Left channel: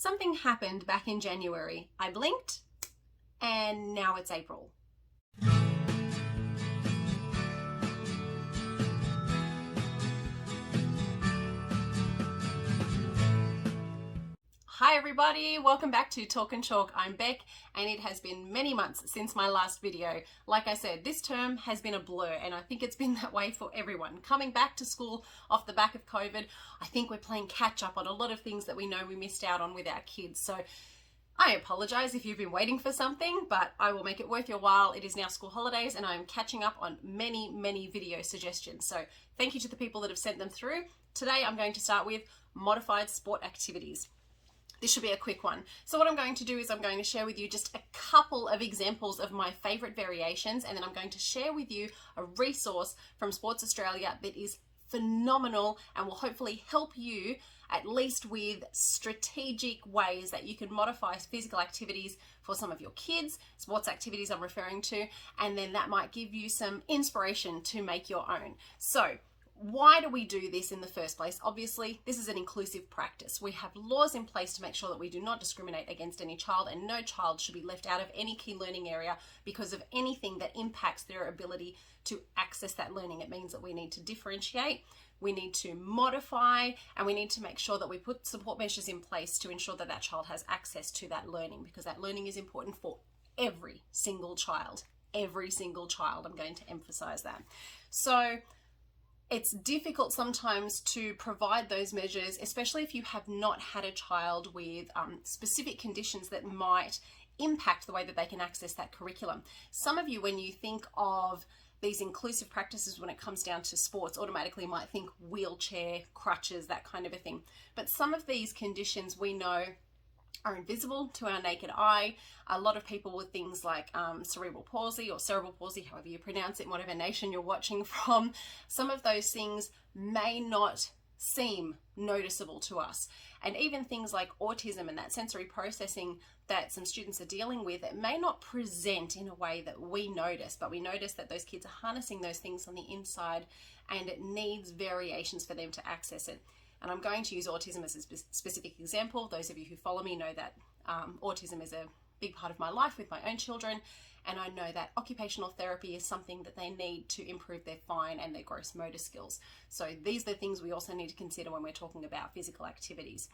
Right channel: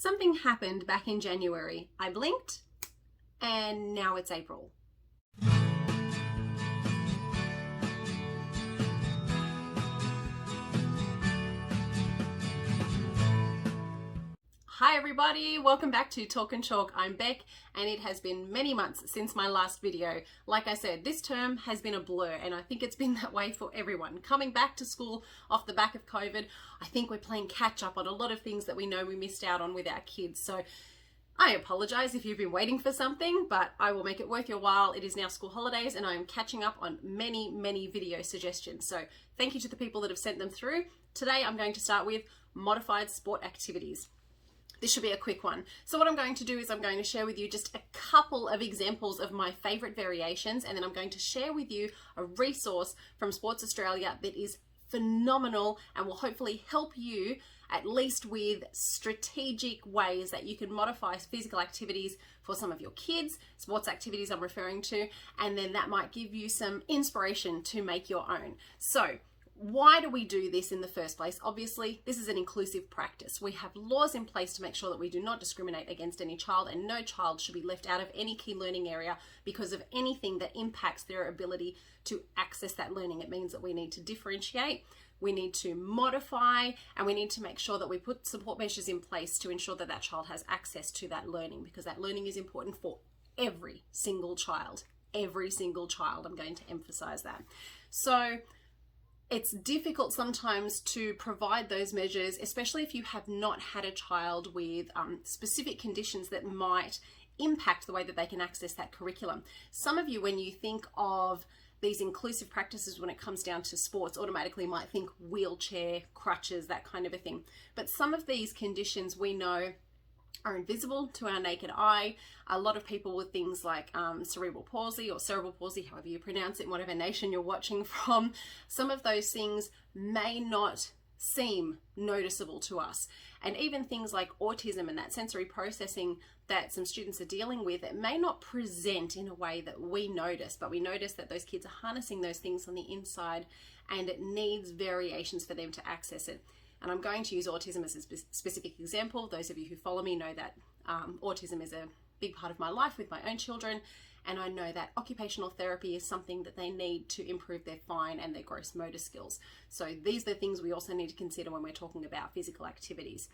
Something happened back in January. I blinked and now it's April. Hi everybody, welcome back to Talk and Chalk. I'm Beck and it has been many months since my last video. Like I said, this term has been a blur and I think it's been that way for everyone. Coming back to school off the back of COVID, I think we're playing catch up on a lot of things that we know we missed out on with our kids. So I apologize if you've been waiting for something, but I will make it worth your while. It is now school holidays and I'm catching up on many video suggestions. So thank you to the people that have sent them through. Today I'm going to start with modified sport activities. This should be a quick one. So what I'm going to do is I'm going to share with you just a couple of examples of my favorite variations, and then I'm going to share with you a resource from Sports Australia that is phenomenal and will hopefully help you at least with strategic ways that you can modify physical activities for some of your kids, sports activities I'm referring to, and then that might give you some inspiration to make your own. So why do we do this in the first place? Obviously, this is an inclusive practice. We have laws in place to make sure that we do not discriminate against any child, and no child should be left out of any key learning area because of anything that impacts their ability to access that learning. It means that we need to differentiate, we need to modify, and we need to make sure that we put support measures in place to ensure that that child has access to that learning, because that learning is important for every single child. Every single child, I'm going to emphasize that. So it's difficult sometimes to provide those measures, especially if you have not had a child with specific conditions that might impact the way that they can access that curriculum. Some of you, when you think of these inclusive practices when it comes down to sports, automatically might think wheelchair, crutches, that kind of a thing. But some of these conditions we know are invisible to our naked eye. A lot of people with things like cerebral palsy or cerebral palsy, however you pronounce it, in whatever nation you're watching from, some of those things may not seem noticeable to us. And even things like autism and that sensory processing that some students are dealing with, it may not present in a way that we notice, but we notice that those kids are harnessing those things on the inside and it needs variations for them to access it. And I'm going to use autism as a specific example. Those of you who follow me know that autism is a big part of my life with my own children, and I know that occupational therapy is something that they need to improve their fine and their gross motor skills. So these are the things we also need to consider when we're talking about physical activities.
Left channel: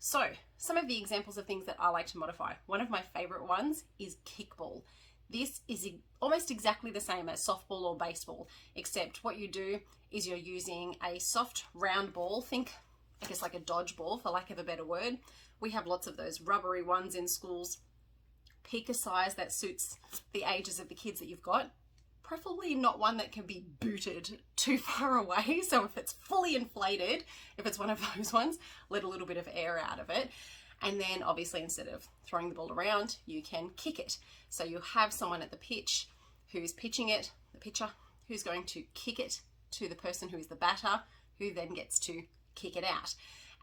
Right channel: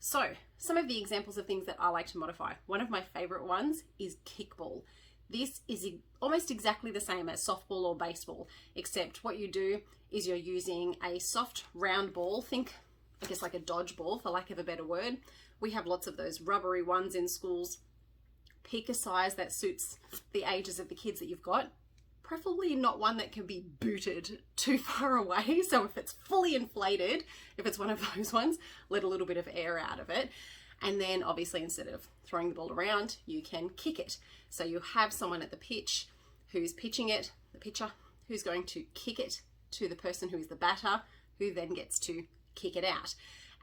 So some of the examples of things that I like to modify. One of my favorite ones is kickball. This is almost exactly the same as softball or baseball, except what you do is you're using a soft round ball. Think, I guess, like a dodgeball, for lack of a better word. We have lots of those rubbery ones in schools. Pick a size that suits the ages of the kids that you've got. Preferably not one that can be booted too far away. So if it's fully inflated, if it's one of those ones, let a little bit of air out of it. And then obviously, instead of throwing the ball around, you can kick it. So you have someone at the pitch who's pitching it, the pitcher, who's going to kick it to the person who is the batter, who then gets to kick it out.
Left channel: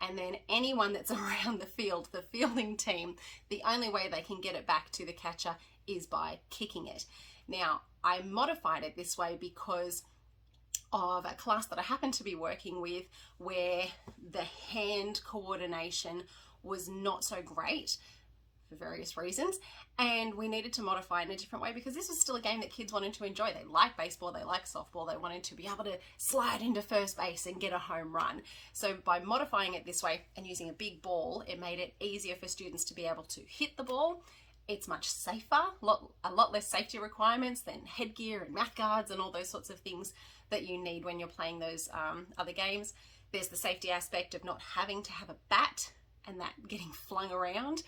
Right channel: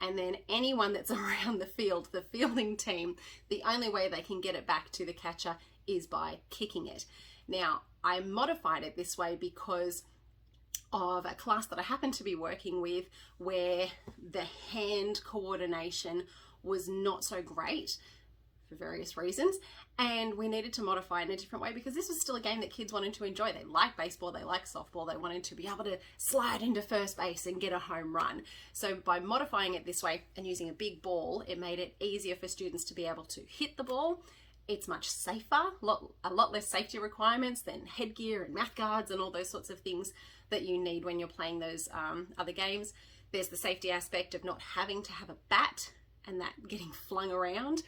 And then anyone that's around the field, the fielding team, the only way they can get it back to the catcher is by kicking it. Now, I modified it this way because of a class that I happened to be working with where the hand coordination was not so great for various reasons, and we needed to modify it in a different way because this was still a game that kids wanted to enjoy. They like baseball, they like softball, they wanted to be able to slide into first base and get a home run. So by modifying it this way and using a big ball, it made it easier for students to be able to hit the ball. It's much safer, a lot less safety requirements than headgear and mouth guards and all those sorts of things that you need when you're playing those other games. There's the safety aspect of not having to have a bat and that getting flung around.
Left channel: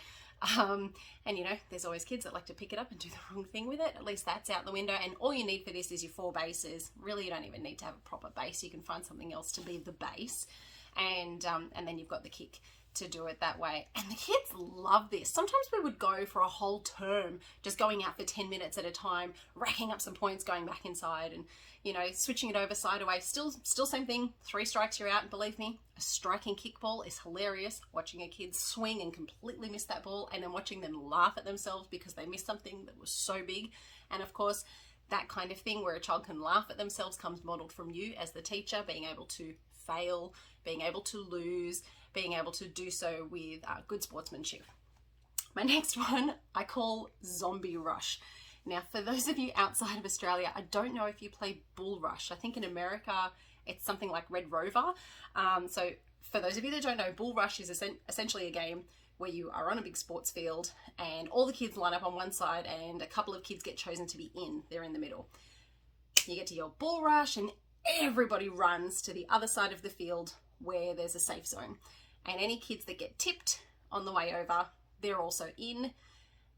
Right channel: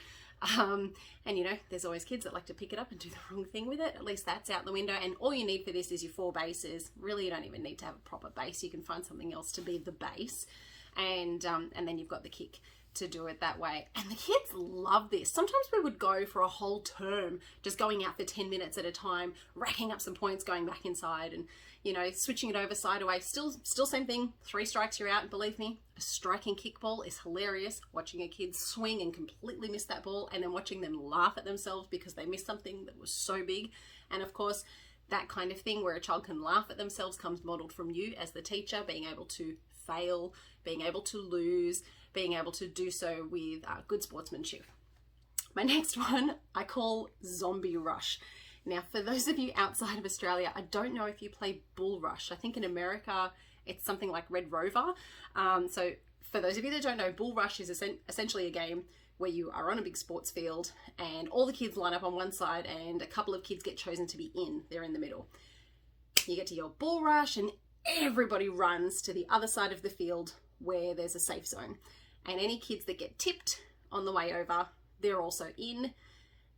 And you know, there's always kids that like to pick it up and do the wrong thing with it. At least that's out the window. And all you need for this is your 4 bases. Really, you don't even need to have a proper base. You can find something else to be the base. And then you've got the kick to do it that way. And the kids love this. Sometimes we would go for a whole term just going out for 10 minutes at a time, racking up some points, going back inside and, you know, switching it over side away. Still same thing. 3 strikes, you're out. Believe me, a striking kickball is hilarious. Watching a kid swing and completely miss that ball and then watching them laugh at themselves because they missed something that was so big. And of course, that kind of thing where a child can laugh at themselves comes modeled from you as the teacher, being able to fail, being able to lose, being able to do so with good sportsmanship. My next one I call Zombie Rush. Now, for those of you outside of Australia, I don't know if you play Bull Rush. I think in America it's something like Red Rover. So for those of you that don't know, Bull Rush is essentially a game where you are on a big sports field and all the kids line up on one side and a couple of kids get chosen to be in. They're in the middle. You get to your Bull Rush and everybody runs to the other side of the field where there's a safe zone. And any kids that get tipped on the way over, they're also in.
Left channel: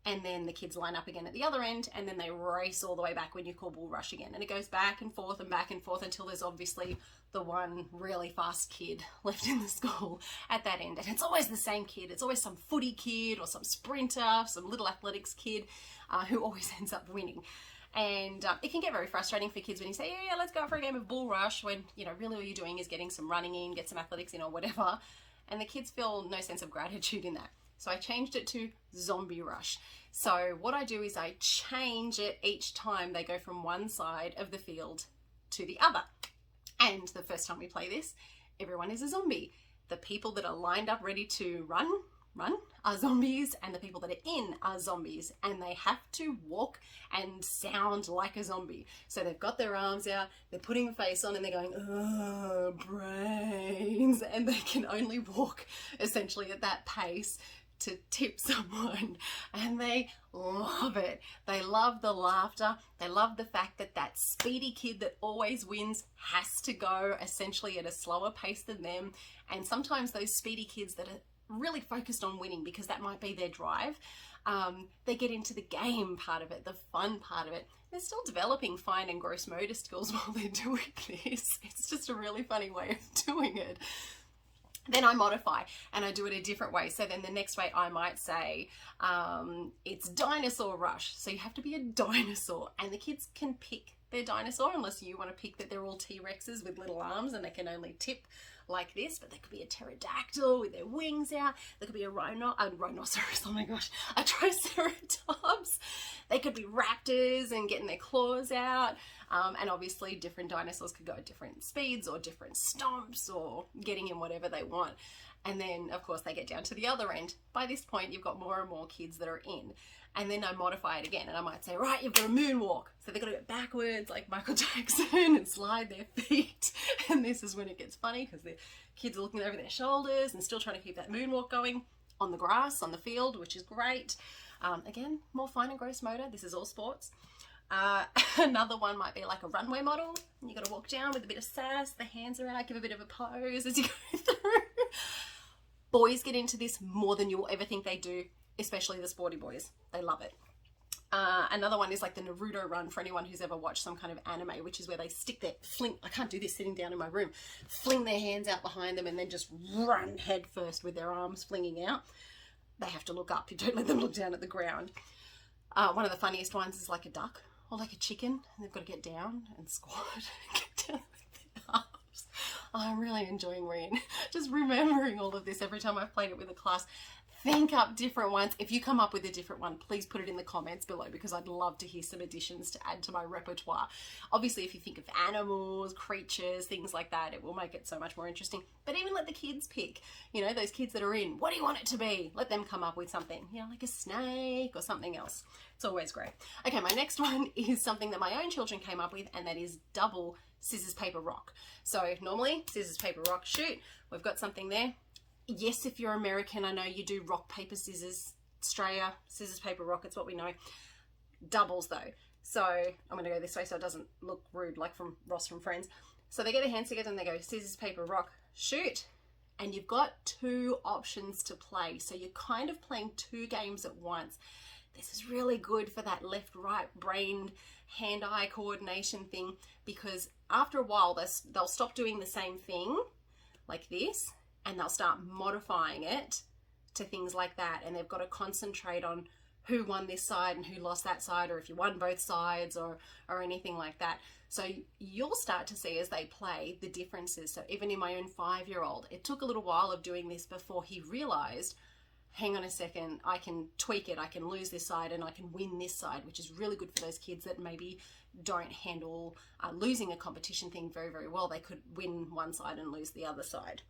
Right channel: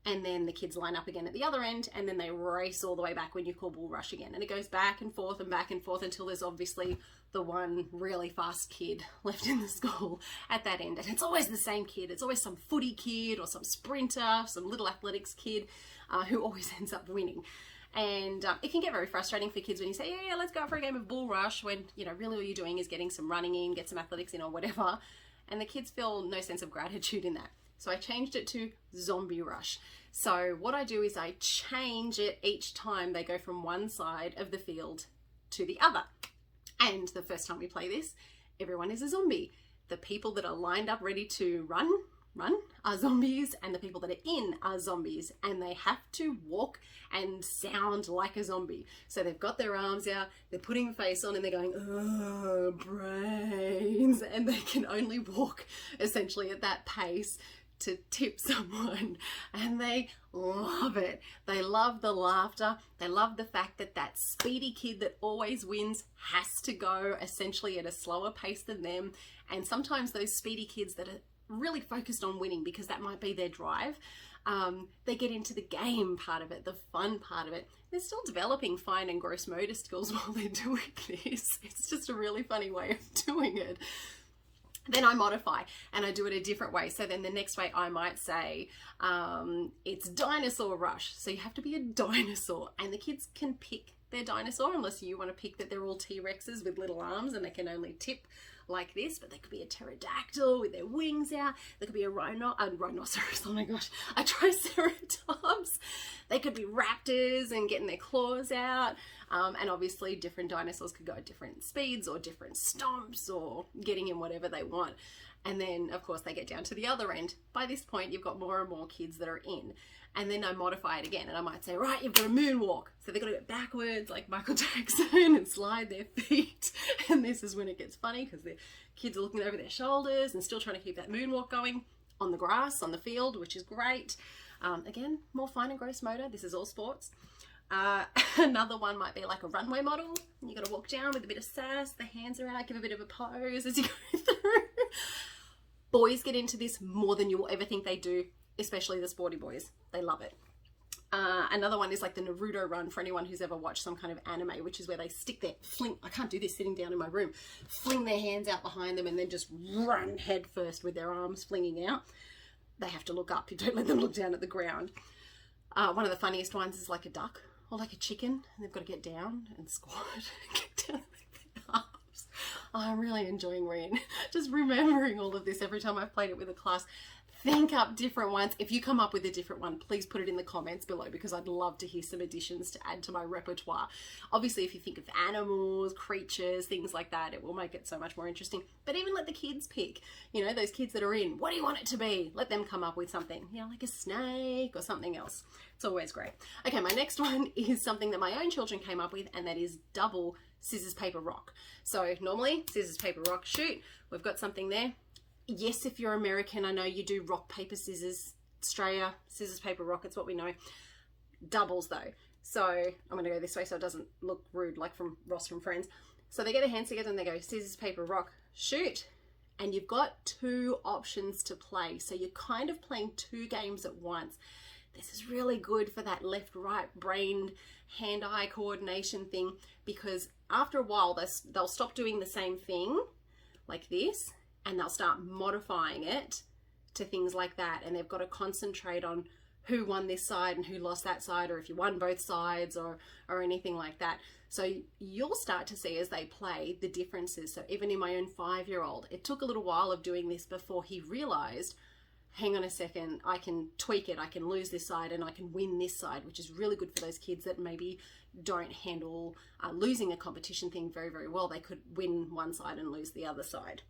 And then the kids line up again at the other end, and then they race all the way back when you call Bull Rush again. And it goes back and forth until there's obviously the one really fast kid left in the school at that end. And it's always the same kid. It's always some footy kid or some sprinter, some little athletics kid who always ends up winning. And it can get very frustrating for kids when you say, yeah, let's go out for a game of Bull Rush, when, you know, really all you're doing is getting some running in, get some athletics in or whatever. And the kids feel no sense of gratitude in that. So I changed it to Zombie Rush. So what I do is I change it each time they go from one side of the field to the other. And the first time we play this, everyone is a zombie. The people that are lined up ready to run are zombies, and the people that are in are zombies, and they have to walk and sound like a zombie. So they've got their arms out, they're putting a face on, and they're going, oh, brains, and they can only walk essentially at that pace to tip someone, and they love it. They love the laughter. They love the fact that that speedy kid that always wins has to go essentially at a slower pace than them. And sometimes those speedy kids that are really focused on winning, because that might be their drive, they get into the game part of it, the fun part of it. They're still developing fine and gross motor skills while they're doing this. It's just a really funny way of doing it. Then I modify and I do it a different way. So then the next way I might say, it's Dinosaur Rush. So you have to be a dinosaur, and the kids can pick their dinosaur, unless you want to pick that they're all T-Rexes with little arms and they can only tip like this, but they could be a pterodactyl with their wings out. They could be a rhinoceros, oh my gosh, a triceratops. They could be raptors and getting their claws out. And obviously different dinosaurs could go at different speeds or different stomps or getting in whatever they want. And then of course they get down to the other end. By this point you've got more and more kids that are in. And then I modify it again and I might say, right, you've got a moonwalk. So they've got to go backwards like Michael Jackson and slide their feet. And this is when it gets funny, because the kids are looking over their shoulders and still trying to keep that moonwalk going on the grass, on the field, which is great. Again, more fine and gross motor. This is all sports. Another one might be like a runway model. You got to walk down with a bit of sass, the hands are out, give a bit of a pose as you go through. Boys get into this more than you will ever think they do, especially the sporty boys. They love it. Another one is like the Naruto run, for anyone who's ever watched some kind of anime, which is where they stick their I can't do this sitting down in my room, fling their hands out behind them and then just run head first with their arms flinging out. They have to look up. You don't let them look down at the ground. One of the funniest ones is like a duck or like a chicken, and they've got to get down and squat and get down with their arms. I'm really enjoying just remembering all of this every time I've played it with a class. Think up different ones. If you come up with a different one, please put it in the comments below, because I'd love to hear some additions to add to my repertoire. Obviously, if you think of animals, creatures, things like that, it will make it so much more interesting. But even let the kids pick, you know, those kids that are in, what do you want it to be? Let them come up with something, you know, like a snake or something else. It's always great. Okay, my next one is something that my own children came up with, and that is double scissors, paper, rock. So normally, scissors, paper, rock, shoot. We've got something there. Yes, if you're American, I know you do rock, paper, scissors. Australia, scissors, paper, rock, it's what we know. Doubles though. So I'm going to go this way so it doesn't look rude like from Ross from Friends. So they get their hands together and they go scissors, paper, rock, shoot. And you've got two options to play. So you're kind of playing two games at once. This is really good for that left-right brain, hand-eye coordination thing, because after a while they'll stop doing the same thing like this, and they'll start modifying it to things like that. And they've got to concentrate on who won this side and who lost that side, or if you won both sides or anything like that. So you'll start to see as they play the differences. So even in my own 5-year-old, it took a little while of doing this before he realized, hang on a second, I can tweak it, I can lose this side and I can win this side, which is really good for those kids that maybe don't handle losing a competition thing very, very well. They could win one side and lose the other side.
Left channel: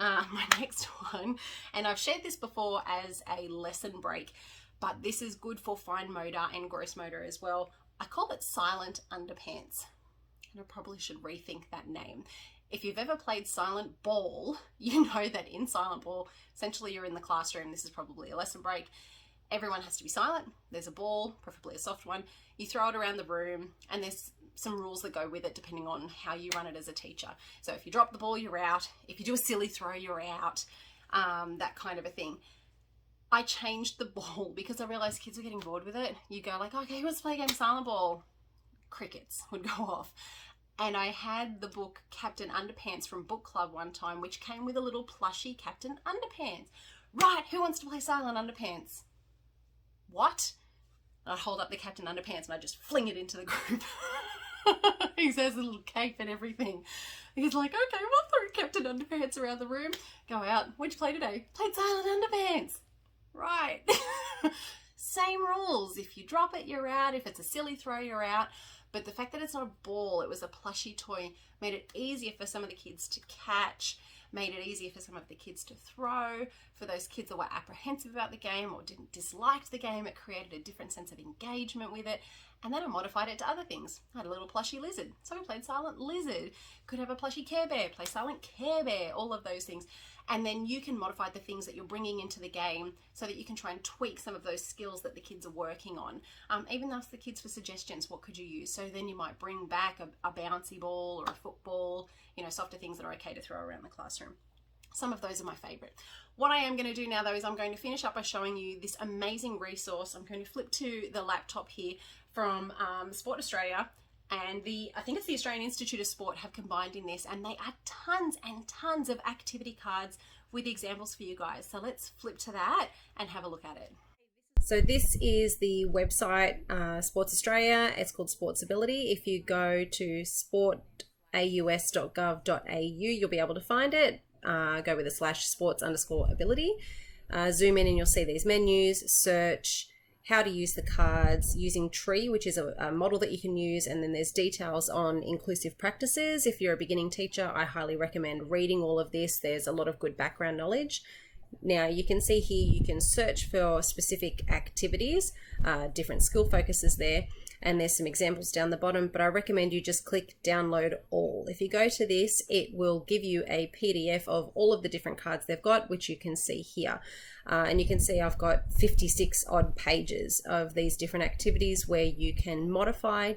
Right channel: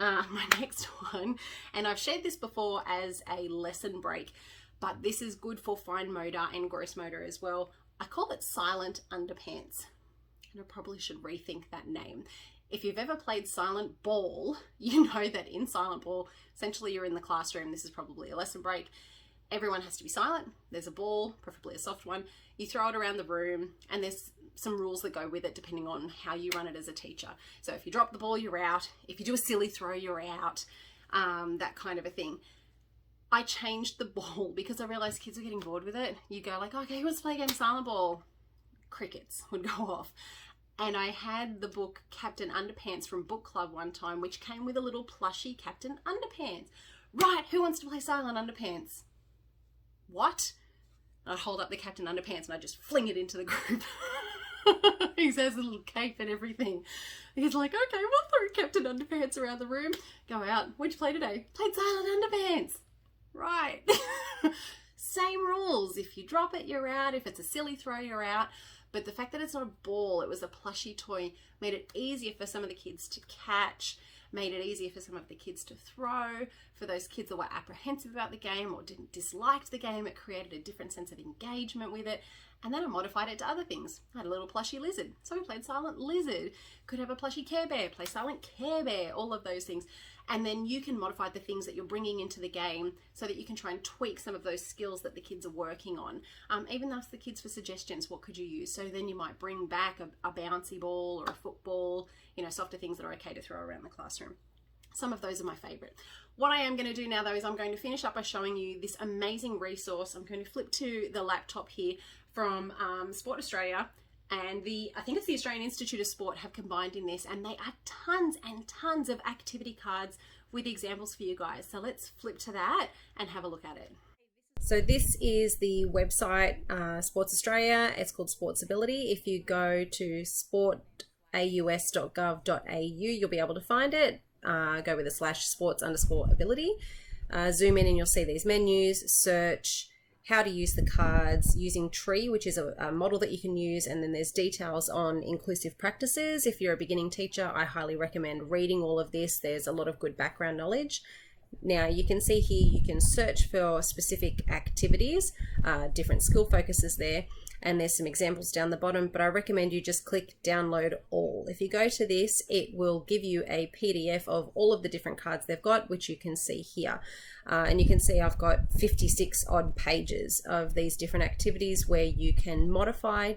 My next one, and I've shared this before as a lesson break, but this is good for fine motor and gross motor as well. I call it silent underpants, and I probably should rethink that name. If you've ever played silent ball, you know that in silent ball, essentially you're in the classroom, this is probably a lesson break, everyone has to be silent, there's a ball, preferably a soft one, you throw it around the room, and there's some rules that go with it depending on how you run it as a teacher. So if you drop the ball, you're out. If you do a silly throw, you're out. That kind of a thing. I changed the ball because I realized kids were getting bored with it. You go like, okay, let's play a game of silent ball. Crickets would go off. And I had the book Captain Underpants from book club one time, which came with a little plushy Captain Underpants. Right, who wants to play silent underpants? What? I'd hold up the Captain Underpants and I'd just fling it into the group. He has a little cape and everything. He's like, okay, we'll throw Captain Underpants around the room. Go out. What'd you play today? Played silent underpants. Right. Same rules. If you drop it, you're out. If it's a silly throw, you're out. But the fact that it's not a ball, it was a plushy toy, made it easier for some of the kids to catch, made it easier for some of the kids to throw. For those kids that were apprehensive about the game or didn't dislike the game, it created a different sense of engagement with it. And then I modified it to other things. I had a little plushy lizard, so we played silent lizard. Could have a plushy Care Bear, play silent Care Bear, all of those things. And then you can modify the things that you're bringing into the game so that you can try and tweak some of those skills that the kids are working on. Even ask the kids for suggestions, what could you use? So then you might bring back a bouncy ball or a football, you know, softer things that are okay to throw around the classroom. Some of those are my favorite. What I am going to do now though is I'm going to finish up by showing you this amazing resource. I'm going to flip to the laptop here from Sport Australia, and I think it's the Australian Institute of Sport have combined in this, and they are tons and tons of activity cards with examples for you guys. So let's flip to that and have a look at it. So this is the website, Sports Australia. It's called Sportsability. If you go to sportaus.gov.au, you'll be able to find it. Go with a /sports_ability. Zoom in and you'll see these menus, search, how to use the cards, using Tree, which is a model that you can use, and then there's details on inclusive practices. If you're a beginning teacher, I highly recommend reading all of this. There's a lot of good background knowledge. Now you can see here you can search for specific activities, different skill focuses there, and there's some examples down the bottom, but I recommend you just click download all. If you go to this, it will give you a PDF of all of the different cards they've got, which you can see here. And you can see I've got 56 odd pages of these different activities where you can modify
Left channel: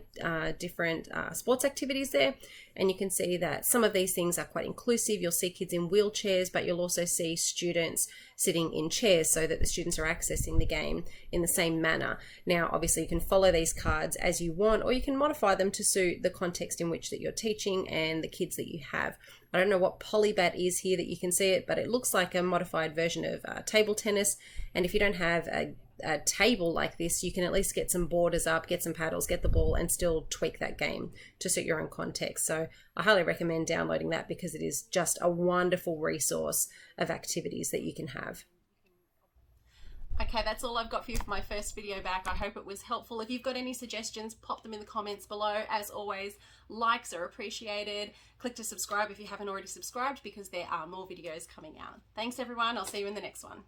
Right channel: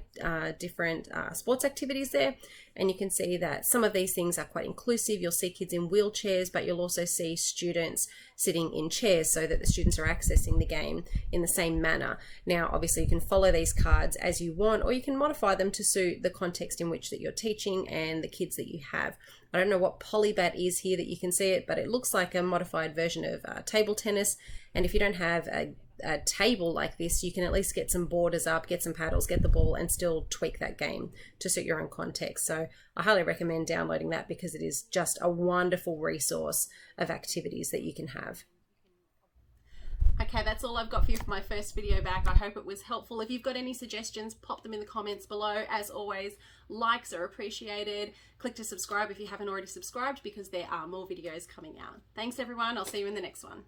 different sports activities there. And you can see that some of these things are quite inclusive. You'll see kids in wheelchairs, but you'll also see students sitting in chairs so that the students are accessing the game in the same manner. Now, obviously you can follow these cards as you want, or you can modify them to suit the context in which that you're teaching and the kids that you have. I don't know what Polybat is here that you can see it, but it looks like a modified version of table tennis. And if you don't have a table like this, you can at least get some borders up, get some paddles, get the ball, and still tweak that game to suit your own context. So I highly recommend downloading that because it is just a wonderful resource of activities that you can have. Okay, that's all I've got for you for my first video back. I hope it was helpful. If you've got any suggestions, pop them in the comments below. As always, likes are appreciated. Click to subscribe if you haven't already subscribed because there are more videos coming out. Thanks everyone. I'll see you in the next one.